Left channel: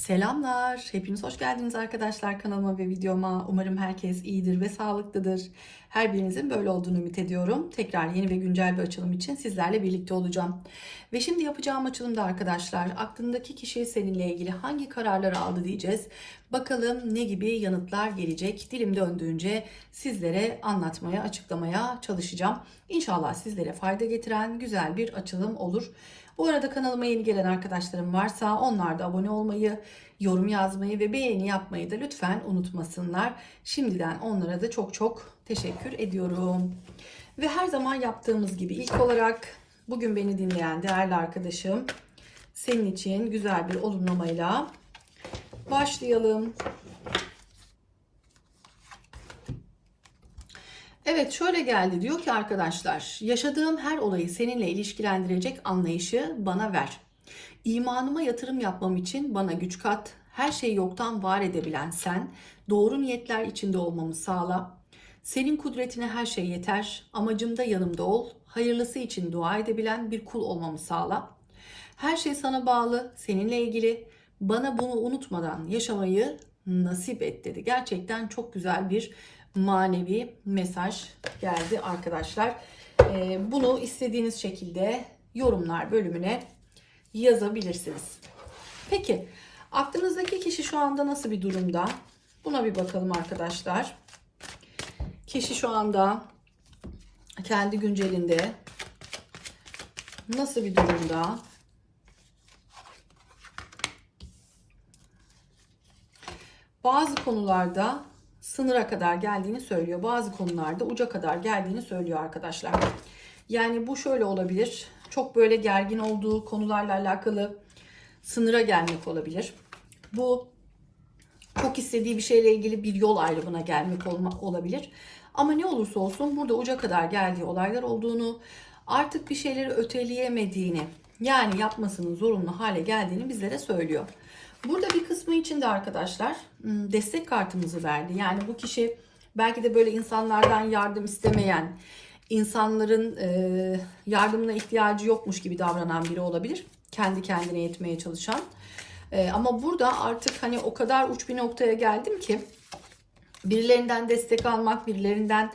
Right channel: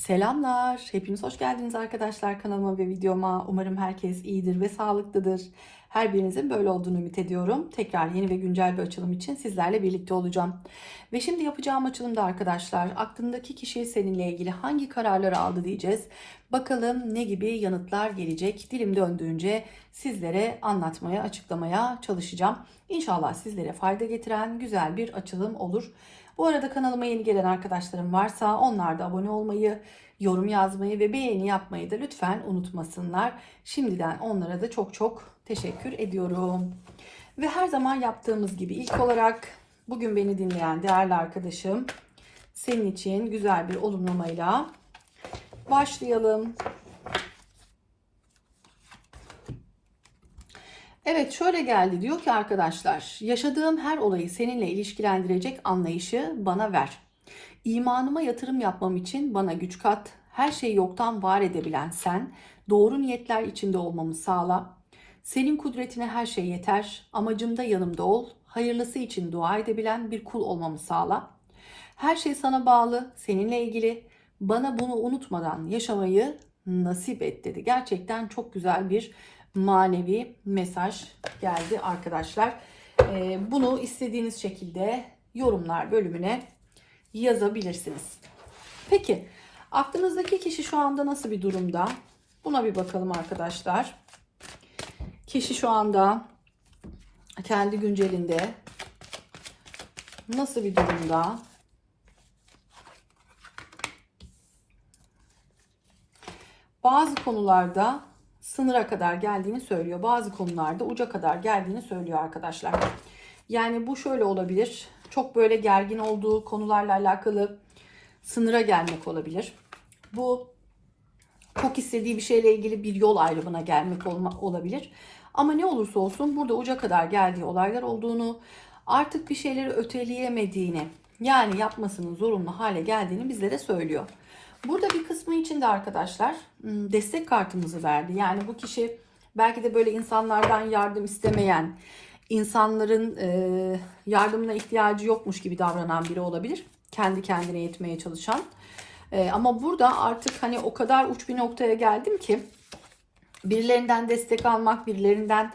Selamlar. Hepiniz hoş geldiniz arkadaşlar kanalıma ve videoma. Umarım herkes iyidir ve sağlıklıdır. Her birinizin böyle olduğunu ümit ediyorum. Tekrar yeni ve güncel bir açılım için sizlerle birlikte olacağım. Ve şimdi yapacağım açılımda arkadaşlar aklındaki kişi seninle ilgili hangi kararları aldı diyeceğiz. Bakalım ne gibi yanıtlar gelecek. Dilim döndüğünce sizlere anlatmaya, açıklamaya çalışacağım. İnşallah sizlere fayda getiren güzel bir açılım olur. Bu arada kanalıma yeni gelen arkadaşlarım varsa onlar da abone olmayı, yorum yazmayı ve beğeni yapmayı da lütfen unutmasınlar. Şimdiden onlara da çok çok teşekkür ediyorum. Ve her zaman yaptığımız gibi ilk olarak bugün beni dinleyen değerli arkadaşım senin için güzel bir olumlamayla başlayalım. Evet şöyle geldi diyor ki arkadaşlar yaşadığım her olayı seninle ilişkilendirecek anlayışı bana ver. İmanıma yatırım yapmam için bana güç kat. Her şeyi yoktan var edebilen sen doğru niyetler içinde olmamı sağla. Senin kudretine her şey yeter. Amacımda yanımda ol. Hayırlısı için dua edebilen bir kul olmamı sağla. Her şey sana bağlı, seninle ilgili. Bana bunu unutmadan yaşamayı nasip et dedi. Gerçekten çok güzel bir manevi mesaj geldi arkadaşlar. Ee, bunu istediğiniz şekilde yorumlar bölümüne yazabilirsiniz. Peki aklınızdaki kişi şu anda nasıl bir durumda? Buna bir bakalım arkadaşlar. Kişi şu anda kendi güncelinde nasıl bir durumda? Bazı konularda sınıra kadar geldiğini söylüyor. Bazı konularda uca kadar geldiğini söylüyor arkadaşlar. Yani bu şöyle olabilir. Çok böyle gergin olduğu konularla alakalı sınıra gelmek olabilir. Bu çok istediği bir şeyle ilgili bir yol ayrımına gelmek olabilir. Ama ne olursa olsun burada uca kadar geldiği olaylar olduğunu, artık bir şeyleri öteleyemediğini, yani yapmasının zorunlu hale geldiğini bizlere söylüyor. Burada bir kısmı için de arkadaşlar ıı, destek kartımızı verdi. Yani bu kişi belki de böyle insanlardan yardım istemeyen, insanların ıı, yardımına ihtiyacı yokmuş gibi davranan biri olabilir. Kendi kendine yetmeye çalışan. Ama burada artık hani o kadar uç bir noktaya geldim ki birilerinden destek almak, birilerinden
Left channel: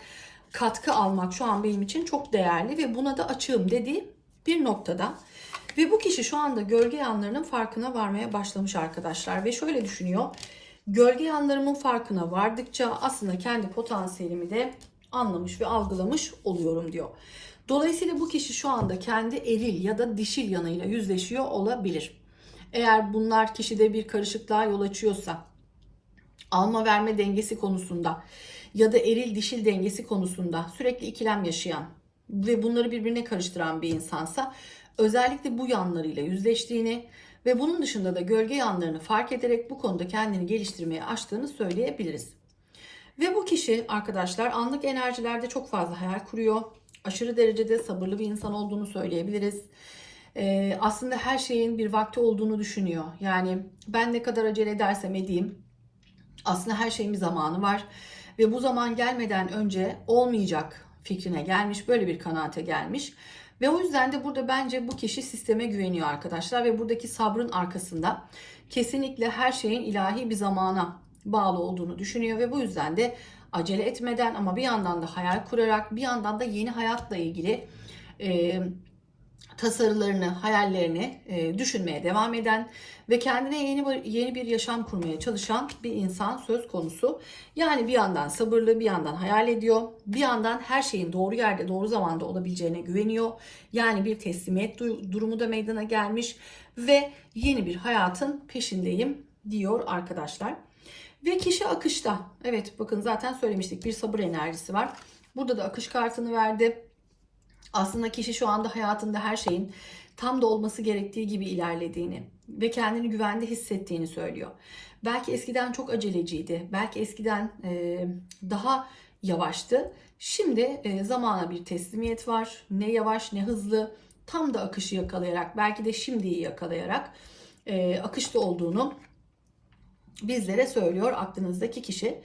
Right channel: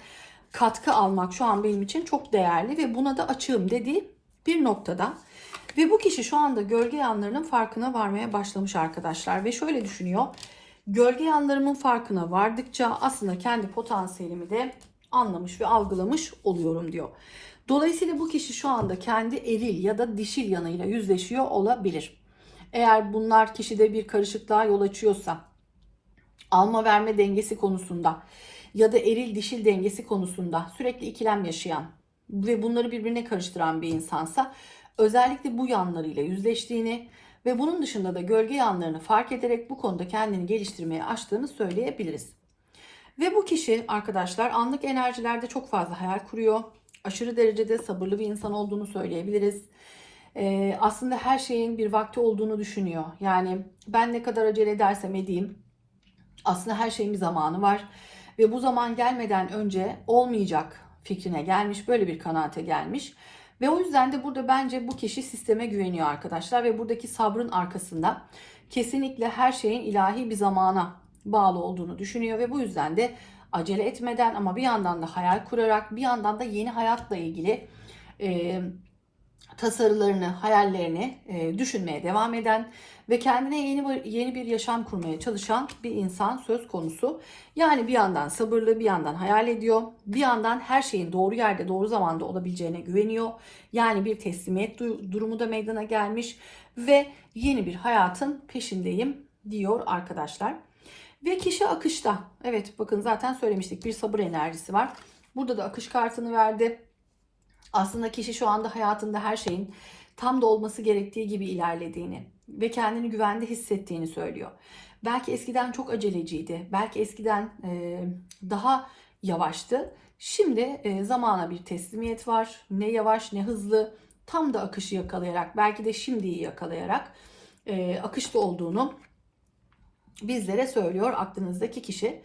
katkı almak şu an benim için çok değerli ve buna da açığım dediği bir noktada. Ve bu kişi şu anda gölge yanlarının farkına varmaya başlamış arkadaşlar. Ve şöyle düşünüyor. Gölge yanlarımın farkına vardıkça aslında kendi potansiyelimi de anlamış ve algılamış oluyorum diyor. Dolayısıyla bu kişi şu anda kendi eril ya da dişil yanıyla yüzleşiyor olabilir. Eğer bunlar kişide bir karışıklığa yol açıyorsa, alma verme dengesi konusunda ya da eril dişil dengesi konusunda sürekli ikilem yaşayan ve bunları birbirine karıştıran bir insansa özellikle bu yanlarıyla yüzleştiğini ve bunun dışında da gölge yanlarını fark ederek bu konuda kendini geliştirmeye açtığını söyleyebiliriz. Ve bu kişi arkadaşlar anlık enerjilerde çok fazla hayal kuruyor. Aşırı derecede sabırlı bir insan olduğunu söyleyebiliriz. Ee, aslında her şeyin bir vakti olduğunu düşünüyor. Yani ben ne kadar acele edersem edeyim aslında her şeyin bir zamanı var. Ve bu zaman gelmeden önce olmayacak fikrine gelmiş. Böyle bir kanaate gelmiş. Ve o yüzden de burada bence bu kişi sisteme güveniyor arkadaşlar ve buradaki sabrın arkasında kesinlikle her şeyin ilahi bir zamana bağlı olduğunu düşünüyor ve bu yüzden de acele etmeden ama bir yandan da hayal kurarak bir yandan da yeni hayatla ilgili e, tasarılarını, hayallerini e, düşünmeye devam eden ve kendine yeni bir, yeni bir yaşam kurmaya çalışan bir insan söz konusu. Yani bir yandan sabırlı, bir yandan hayal ediyor. Bir yandan her şeyin doğru yerde, doğru zamanda olabileceğine güveniyor. Yani bir teslimiyet durumu da meydana gelmiş ve yeni bir hayatın peşindeyim diyor arkadaşlar. Ve kişi akışta. Evet bakın zaten söylemiştik bir sabır enerjisi var. Burada da akış kartını verdi. Aslında kişi şu anda hayatında her şeyin tam da olması gerektiği gibi ilerlediğini ve kendini güvende hissettiğini söylüyor. Belki eskiden çok aceleciydi. Belki eskiden e, daha yavaştı. Şimdi e, zamana bir teslimiyet var. Ne yavaş ne hızlı. Tam da akışı yakalayarak belki de şimdiyi yakalayarak e, akışta olduğunu bizlere söylüyor aklınızdaki kişi.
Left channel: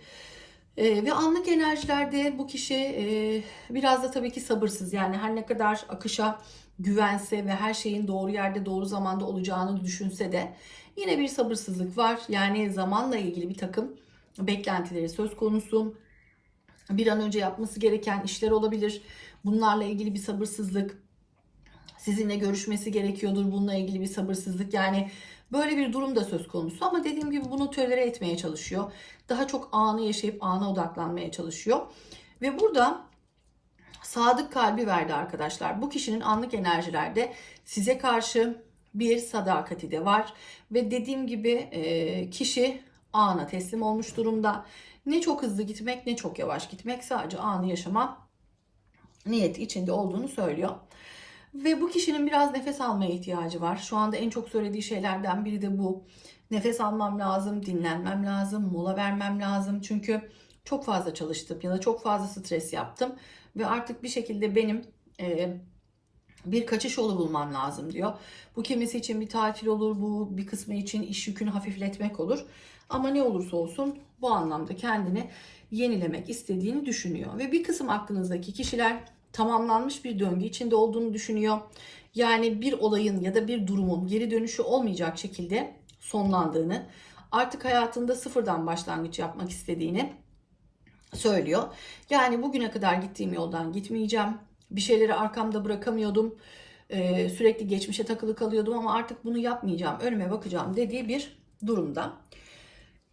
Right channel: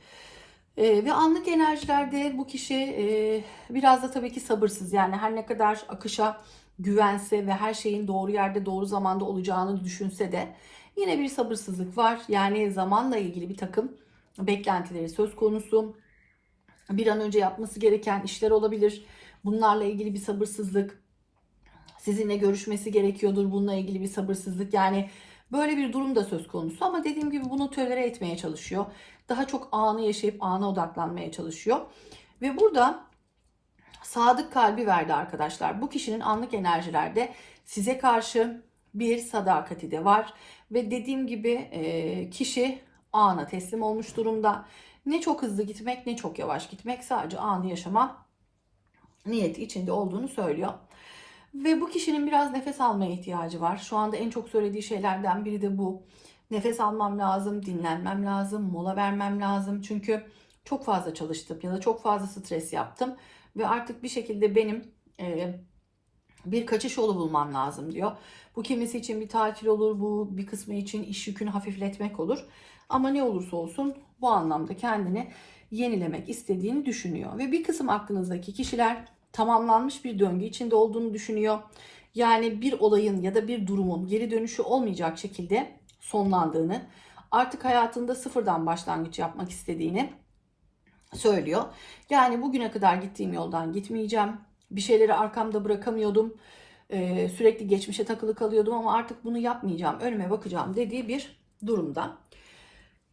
E, ve anlık enerjilerde bu kişi e, biraz da tabii ki sabırsız. Yani her ne kadar akışa güvense ve her şeyin doğru yerde doğru zamanda olacağını düşünse de Yine bir sabırsızlık var. Yani zamanla ilgili bir takım beklentileri söz konusu. Bir an önce yapması gereken işler olabilir. Bunlarla ilgili bir sabırsızlık. Sizinle görüşmesi gerekiyordur. Bununla ilgili bir sabırsızlık. Yani böyle bir durum da söz konusu. Ama dediğim gibi bunu tölere etmeye çalışıyor. Daha çok anı yaşayıp ana odaklanmaya çalışıyor. Ve burada sadık kalbi verdi arkadaşlar. Bu kişinin anlık enerjilerde size karşı bir sadakati de var. Ve dediğim gibi e, kişi ana teslim olmuş durumda. Ne çok hızlı gitmek ne çok yavaş gitmek sadece anı yaşama niyeti içinde olduğunu söylüyor. Ve bu kişinin biraz nefes almaya ihtiyacı var. Şu anda en çok söylediği şeylerden biri de bu. Nefes almam lazım, dinlenmem lazım, mola vermem lazım. Çünkü çok fazla çalıştım ya da çok fazla stres yaptım. Ve artık bir şekilde benim e, bir kaçış yolu bulmam lazım diyor. Bu kimisi için bir tatil olur, bu bir kısmı için iş yükünü hafifletmek olur. Ama ne olursa olsun bu anlamda kendini yenilemek istediğini düşünüyor. Ve bir kısım aklınızdaki kişiler tamamlanmış bir döngü içinde olduğunu düşünüyor. Yani bir olayın ya da bir durumun geri dönüşü olmayacak şekilde sonlandığını, artık hayatında sıfırdan başlangıç yapmak istediğini söylüyor. Yani bugüne kadar gittiğim yoldan gitmeyeceğim. Bir şeyleri arkamda bırakamıyordum. Ee, sürekli geçmişe takılı kalıyordum ama artık bunu yapmayacağım. Önüme bakacağım dediği bir durumda.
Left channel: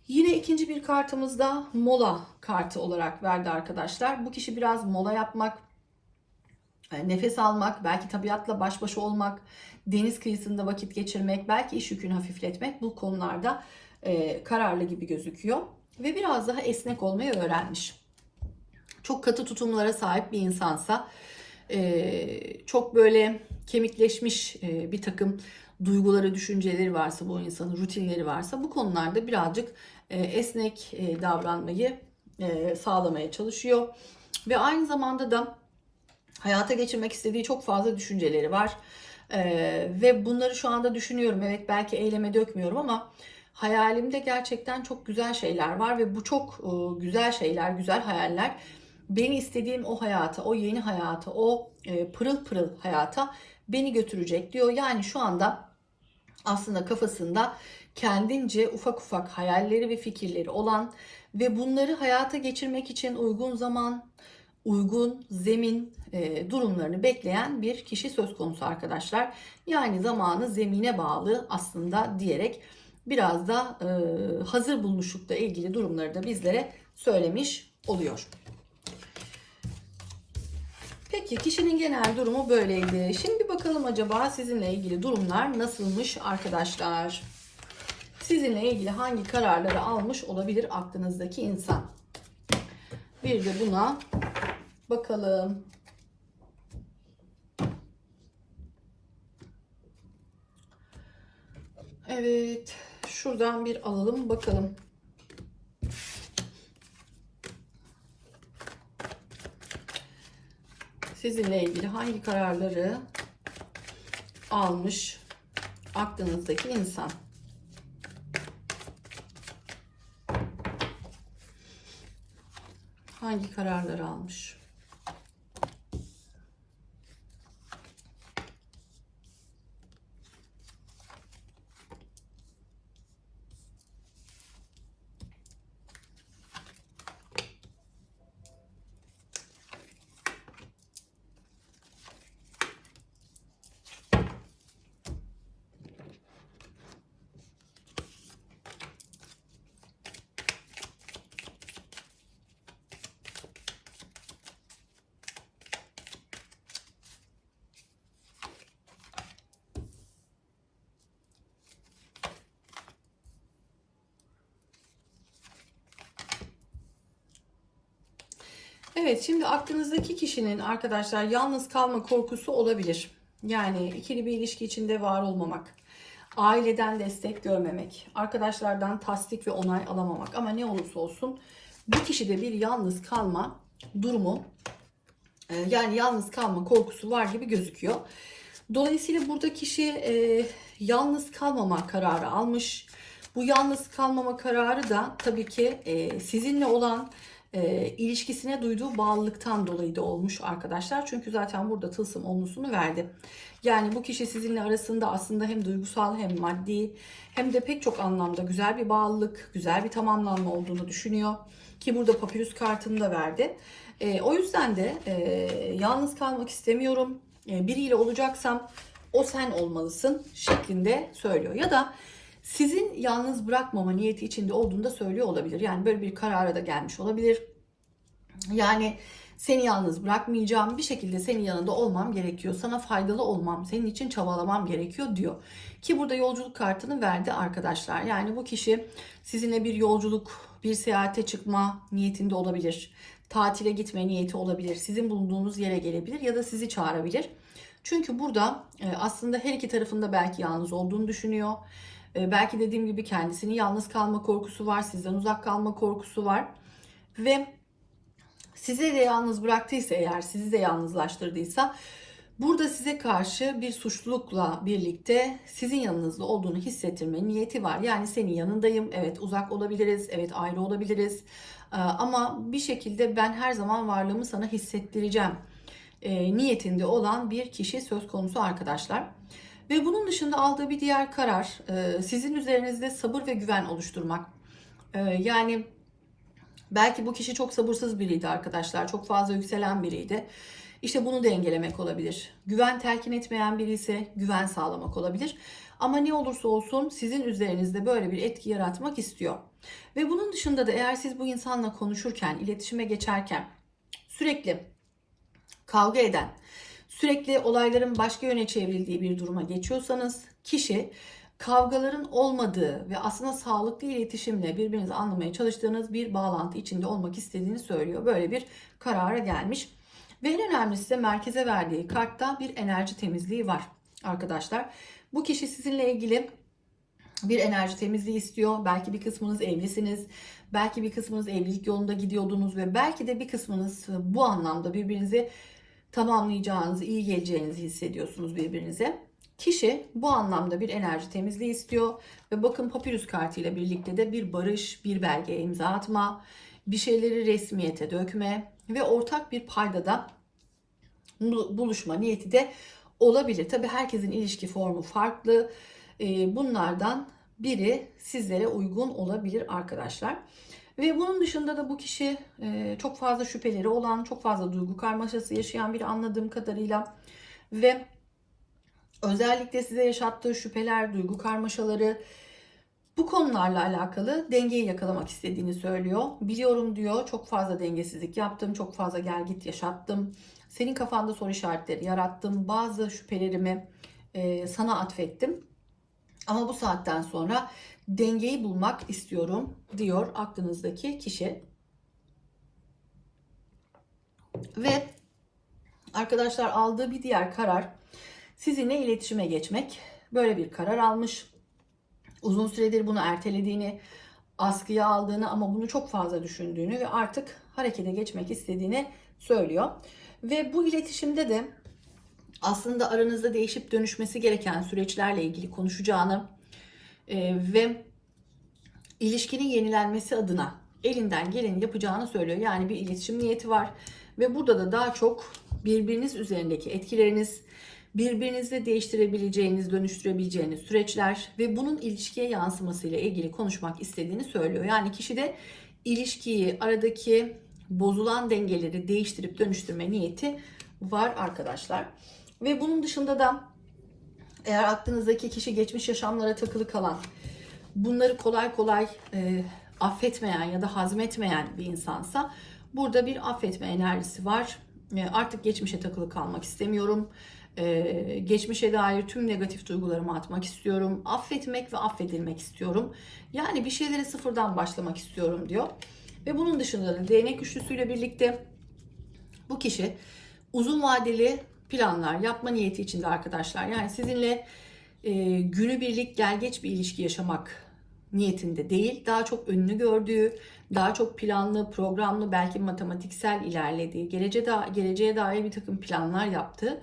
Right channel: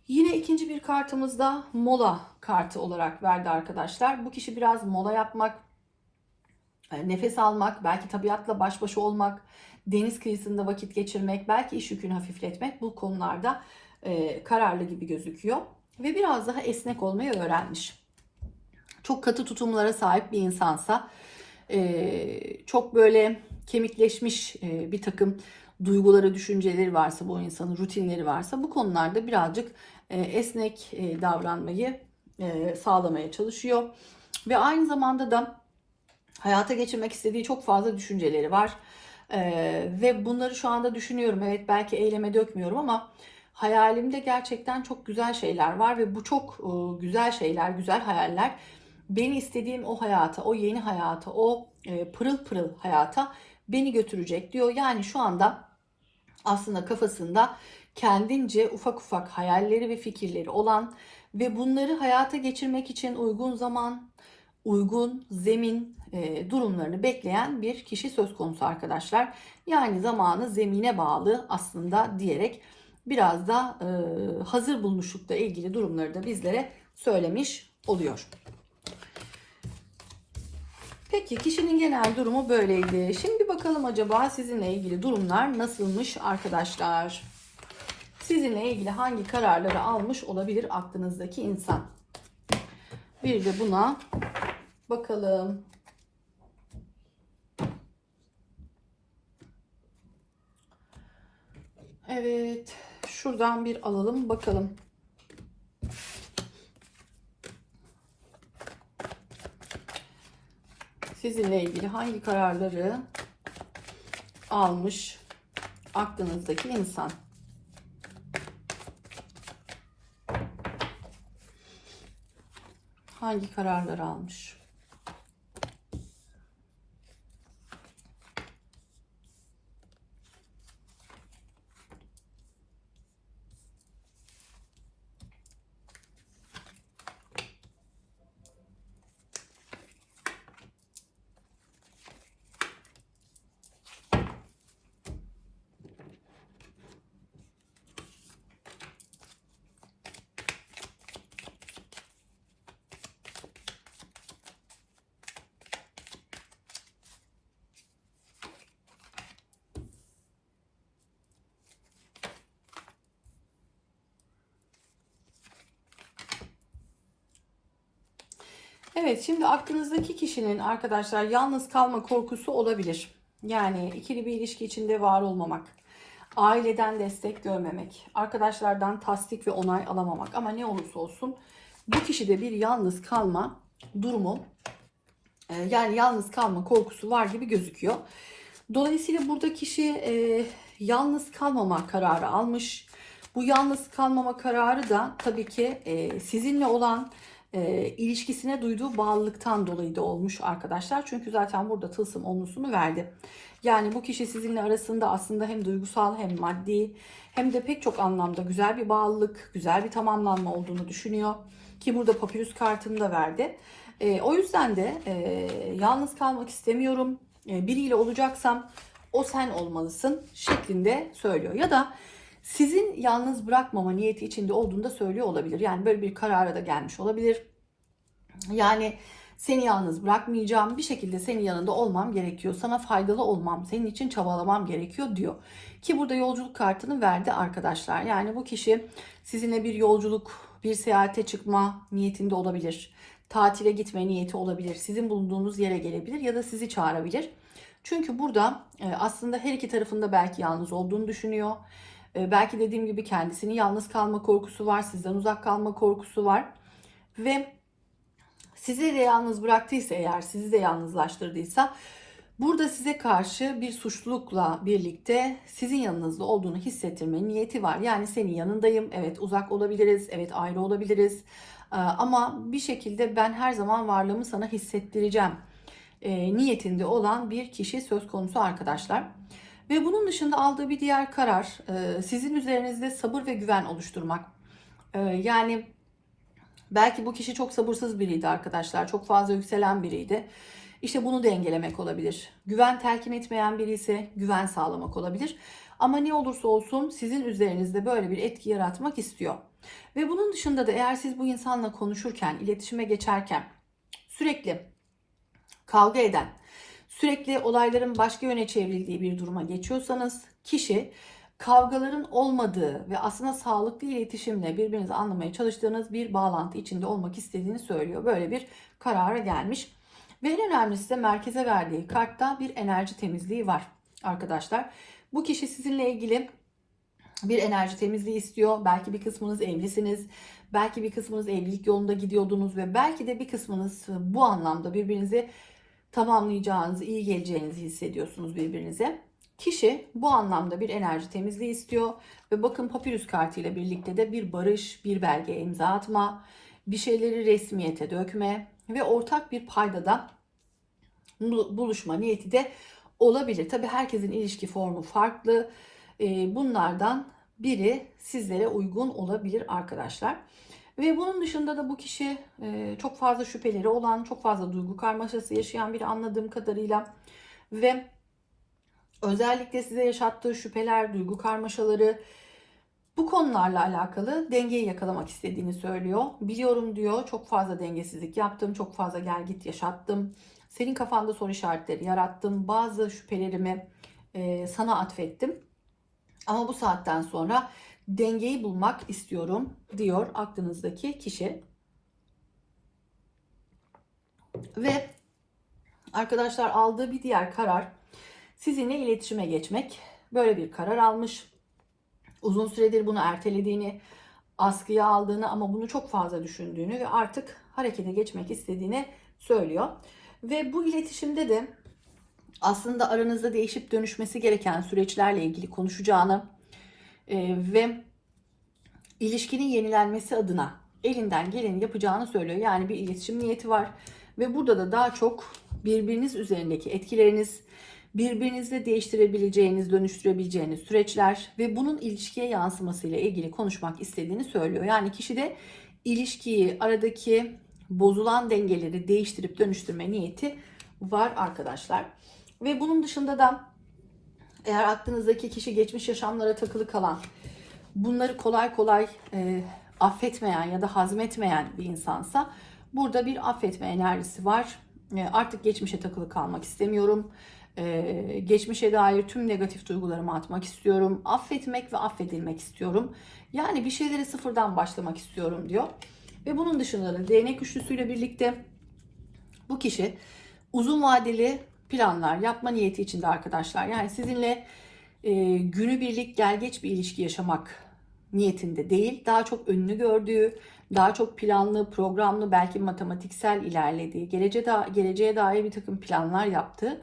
Yine ikinci bir kartımızda mola kartı olarak verdi arkadaşlar. Bu kişi biraz mola yapmak, nefes almak, belki tabiatla baş başa olmak, deniz kıyısında vakit geçirmek, belki iş yükünü hafifletmek bu konularda e, kararlı gibi gözüküyor. Ve biraz daha esnek olmayı öğrenmiş. Çok katı tutumlara sahip bir insansa, e, çok böyle kemikleşmiş e, bir takım duyguları, düşünceleri varsa bu insanın rutinleri varsa bu konularda birazcık e, esnek e, davranmayı e, sağlamaya çalışıyor. Ve aynı zamanda da hayata geçirmek istediği çok fazla düşünceleri var. Ee, ve bunları şu anda düşünüyorum. Evet belki eyleme dökmüyorum ama hayalimde gerçekten çok güzel şeyler var ve bu çok e, güzel şeyler, güzel hayaller beni istediğim o hayata, o yeni hayata, o e, pırıl pırıl hayata beni götürecek diyor. Yani şu anda aslında kafasında kendince ufak ufak hayalleri ve fikirleri olan ve bunları hayata geçirmek için uygun zaman, uygun zemin e, durumlarını bekleyen bir kişi söz konusu arkadaşlar. Yani zamanı zemine bağlı aslında diyerek biraz da e, hazır bulmuşlukla ilgili durumları da bizlere söylemiş oluyor. Peki kişinin genel durumu böyleydi. Şimdi bakalım acaba sizinle ilgili durumlar nasılmış arkadaşlar? Sizinle ilgili hangi kararları almış olabilir aklınızdaki insan? Bir de buna bakalım. Evet, şuradan bir alalım bakalım. Sizinle ilgili hangi kararları almış aklınızdaki insan? Hangi kararları almış? Evet şimdi aklınızdaki kişinin arkadaşlar yalnız kalma korkusu olabilir. Yani ikili bir ilişki içinde var olmamak, aileden destek görmemek, arkadaşlardan tasdik ve onay alamamak ama ne olursa olsun bu kişide bir yalnız kalma durumu e, yani yalnız kalma korkusu var gibi gözüküyor. Dolayısıyla burada kişi e, yalnız kalmama kararı almış. Bu yalnız kalmama kararı da tabii ki e, sizinle olan e, ilişkisine duyduğu bağlılıktan dolayı da olmuş arkadaşlar. Çünkü zaten burada tılsım onlusunu verdi. Yani bu kişi sizinle arasında aslında hem duygusal hem maddi hem de pek çok anlamda güzel bir bağlılık, güzel bir tamamlanma olduğunu düşünüyor. Ki burada papyrus kartını da verdi. E, o yüzden de e, yalnız kalmak istemiyorum. E, biriyle olacaksam o sen olmalısın şeklinde söylüyor. Ya da sizin yalnız bırakmama niyeti içinde olduğunu da söylüyor olabilir. Yani böyle bir karara da gelmiş olabilir. Yani seni yalnız bırakmayacağım. Bir şekilde senin yanında olmam gerekiyor. Sana faydalı olmam, senin için çabalamam gerekiyor diyor. Ki burada yolculuk kartını verdi arkadaşlar. Yani bu kişi sizinle bir yolculuk, bir seyahate çıkma niyetinde olabilir. Tatile gitme niyeti olabilir. Sizin bulunduğunuz yere gelebilir ya da sizi çağırabilir. Çünkü burada e, aslında her iki tarafında belki yalnız olduğunu düşünüyor. E, Belki dediğim gibi kendisinin yalnız kalma korkusu var, sizden uzak kalma korkusu var. Ve sizi de yalnız bıraktıysa eğer, sizi de yalnızlaştırdıysa burada size karşı bir suçlulukla birlikte sizin yanınızda olduğunu hissettirme niyeti var. Yani senin yanındayım, evet uzak olabiliriz, evet ayrı olabiliriz. Ee, Ama bir şekilde ben her zaman varlığımı sana hissettireceğim e, niyetinde olan bir kişi söz konusu arkadaşlar. Ve bunun dışında aldığı bir diğer karar e, sizin üzerinizde sabır ve güven oluşturmak. E, Yani belki bu kişi çok sabırsız biriydi arkadaşlar. Çok fazla yükselen biriydi. İşte bunu dengelemek olabilir. Güven telkin etmeyen biri ise güven sağlamak olabilir. Ama ne olursa olsun sizin üzerinizde böyle bir etki yaratmak istiyor. Ve bunun dışında da eğer siz bu insanla konuşurken, iletişime geçerken sürekli kavga eden, sürekli olayların başka yöne çevrildiği bir duruma geçiyorsanız kişi kavgaların olmadığı ve aslında sağlıklı iletişimle birbirinizi anlamaya çalıştığınız bir bağlantı içinde olmak istediğini söylüyor. Böyle bir karara gelmiş. Ve en önemlisi de merkeze verdiği kartta bir enerji temizliği var arkadaşlar. Bu kişi sizinle ilgili bir enerji temizliği istiyor. Belki bir kısmınız evlisiniz. Belki bir kısmınız evlilik yolunda gidiyordunuz ve belki de bir kısmınız bu anlamda birbirinizi tamamlayacağınızı, iyi geleceğinizi hissediyorsunuz birbirinize. Kişi bu anlamda bir enerji temizliği istiyor ve bakın papyrus kartıyla birlikte de bir barış, bir belgeye imza atma, bir şeyleri resmiyete dökme ve ortak bir paydada bul- buluşma niyeti de olabilir. Tabii herkesin ilişki formu farklı. Ee, Bunlardan biri sizlere uygun olabilir arkadaşlar. Ve bunun dışında da bu kişi e, çok fazla şüpheleri olan, çok fazla duygu karmaşası yaşayan biri anladığım kadarıyla ve özellikle size yaşattığı şüpheler, duygu karmaşaları bu konularla alakalı dengeyi yakalamak istediğini söylüyor. Biliyorum diyor çok fazla dengesizlik yaptım, çok fazla gel git yaşattım. Senin kafanda soru işaretleri yarattım. Bazı şüphelerimi e, sana atfettim. Ama bu saatten sonra dengeyi bulmak istiyorum diyor aklınızdaki kişi. Ve arkadaşlar aldığı bir diğer karar sizinle iletişime geçmek. Böyle bir karar almış. Uzun süredir bunu ertelediğini, askıya aldığını ama bunu çok fazla düşündüğünü ve artık harekete geçmek istediğini söylüyor. Ve bu iletişimde de aslında aranızda değişip dönüşmesi gereken süreçlerle ilgili konuşacağını e, ve ilişkinin yenilenmesi adına elinden geleni yapacağını söylüyor. Yani bir iletişim niyeti var ve burada da daha çok birbiriniz üzerindeki etkileriniz, birbirinizle değiştirebileceğiniz, dönüştürebileceğiniz süreçler ve bunun ilişkiye yansımasıyla ilgili konuşmak istediğini söylüyor. Yani kişi de ilişkiyi, aradaki bozulan dengeleri değiştirip dönüştürme niyeti var arkadaşlar. Ve bunun dışında da eğer aklınızdaki kişi geçmiş yaşamlara takılı kalan, bunları kolay kolay e, affetmeyen ya da hazmetmeyen bir insansa burada bir affetme enerjisi var. E, artık geçmişe takılı kalmak istemiyorum. E, geçmişe dair tüm negatif duygularımı atmak istiyorum. Affetmek ve affedilmek istiyorum. Yani bir şeylere sıfırdan başlamak istiyorum diyor. Ve bunun dışında da değnek üçlüsüyle birlikte bu kişi uzun vadeli planlar yapma niyeti içinde arkadaşlar. Yani sizinle e, günübirlik gel geç bir ilişki yaşamak niyetinde değil. Daha çok önünü gördüğü, daha çok planlı, programlı, belki matematiksel ilerlediği, geleceğe, da, geleceğe dair bir takım planlar yaptığı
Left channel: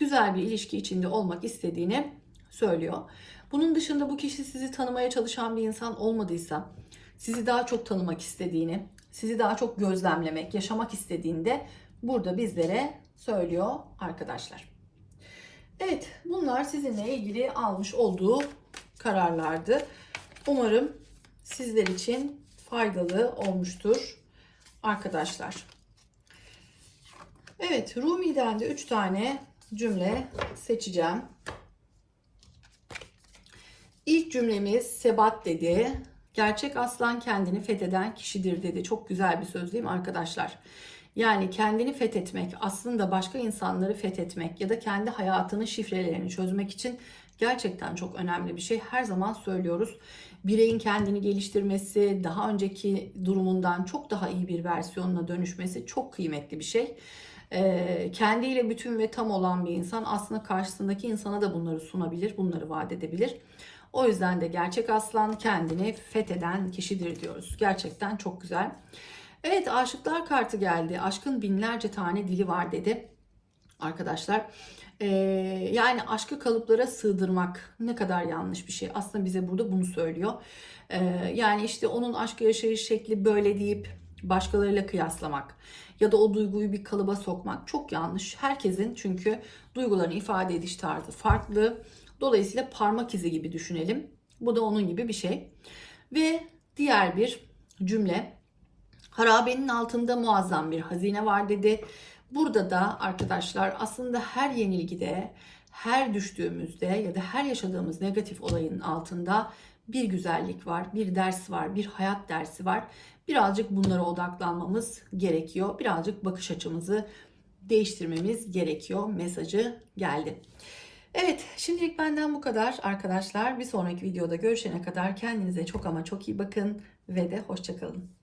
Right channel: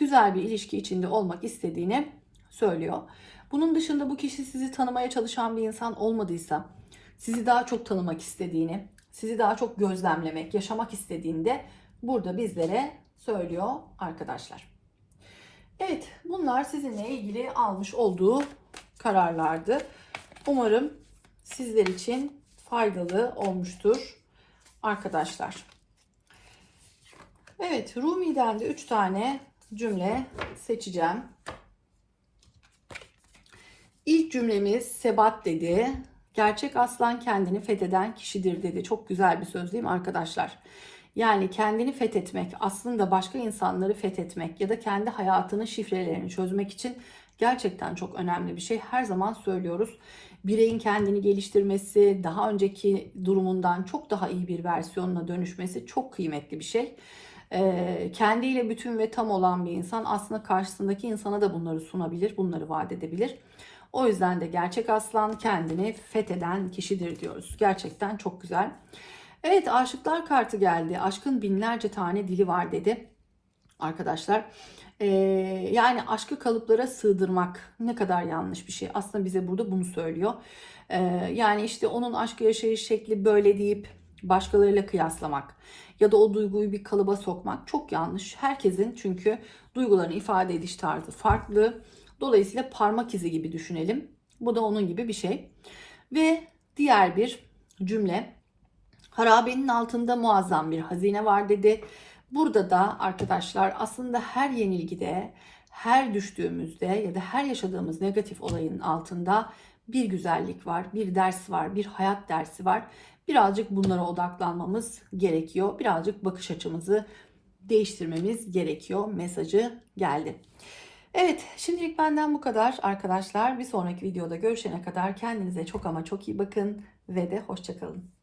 güzel bir ilişki içinde olmak istediğini söylüyor. Bunun dışında bu kişi sizi tanımaya çalışan bir insan olmadıysa, sizi daha çok tanımak istediğini, sizi daha çok gözlemlemek, yaşamak istediğinde burada bizlere söylüyor arkadaşlar. Evet, bunlar sizinle ilgili almış olduğu kararlardı. Umarım sizler için faydalı olmuştur arkadaşlar. Evet, Rumi'den de 3 tane cümle seçeceğim. İlk cümlemiz Sebat dedi. Gerçek aslan kendini fetheden kişidir dedi. Çok güzel bir söz değil mi arkadaşlar? Yani kendini fethetmek, aslında başka insanları fethetmek ya da kendi hayatının şifrelerini çözmek için gerçekten çok önemli bir şey. Her zaman söylüyoruz. Bireyin kendini geliştirmesi, daha önceki durumundan çok daha iyi bir versiyonuna dönüşmesi çok kıymetli bir şey. Ee, kendiyle bütün ve tam olan bir insan aslında karşısındaki insana da bunları sunabilir, bunları vaat edebilir. O yüzden de gerçek aslan kendini fetheden kişidir diyoruz. Gerçekten çok güzel. Evet aşıklar kartı geldi. Aşkın binlerce tane dili var dedi. Arkadaşlar ee, yani aşkı kalıplara sığdırmak ne kadar yanlış bir şey. Aslında bize burada bunu söylüyor. Ee, yani işte onun aşkı yaşayış şekli böyle deyip başkalarıyla kıyaslamak ya da o duyguyu bir kalıba sokmak çok yanlış. Herkesin çünkü duygularını ifade ediş tarzı farklı. Dolayısıyla parmak izi gibi düşünelim. Bu da onun gibi bir şey. Ve diğer bir cümle. Harabenin altında muazzam bir hazine var dedi. Burada da arkadaşlar aslında her yenilgide, her düştüğümüzde ya da her yaşadığımız negatif olayın altında bir güzellik var, bir ders var, bir hayat dersi var. Birazcık bunlara odaklanmamız gerekiyor. Birazcık bakış açımızı değiştirmemiz gerekiyor. Mesajı geldi. Evet, şimdilik benden bu kadar arkadaşlar. Bir sonraki videoda görüşene kadar kendinize çok ama çok iyi bakın ve de hoşçakalın.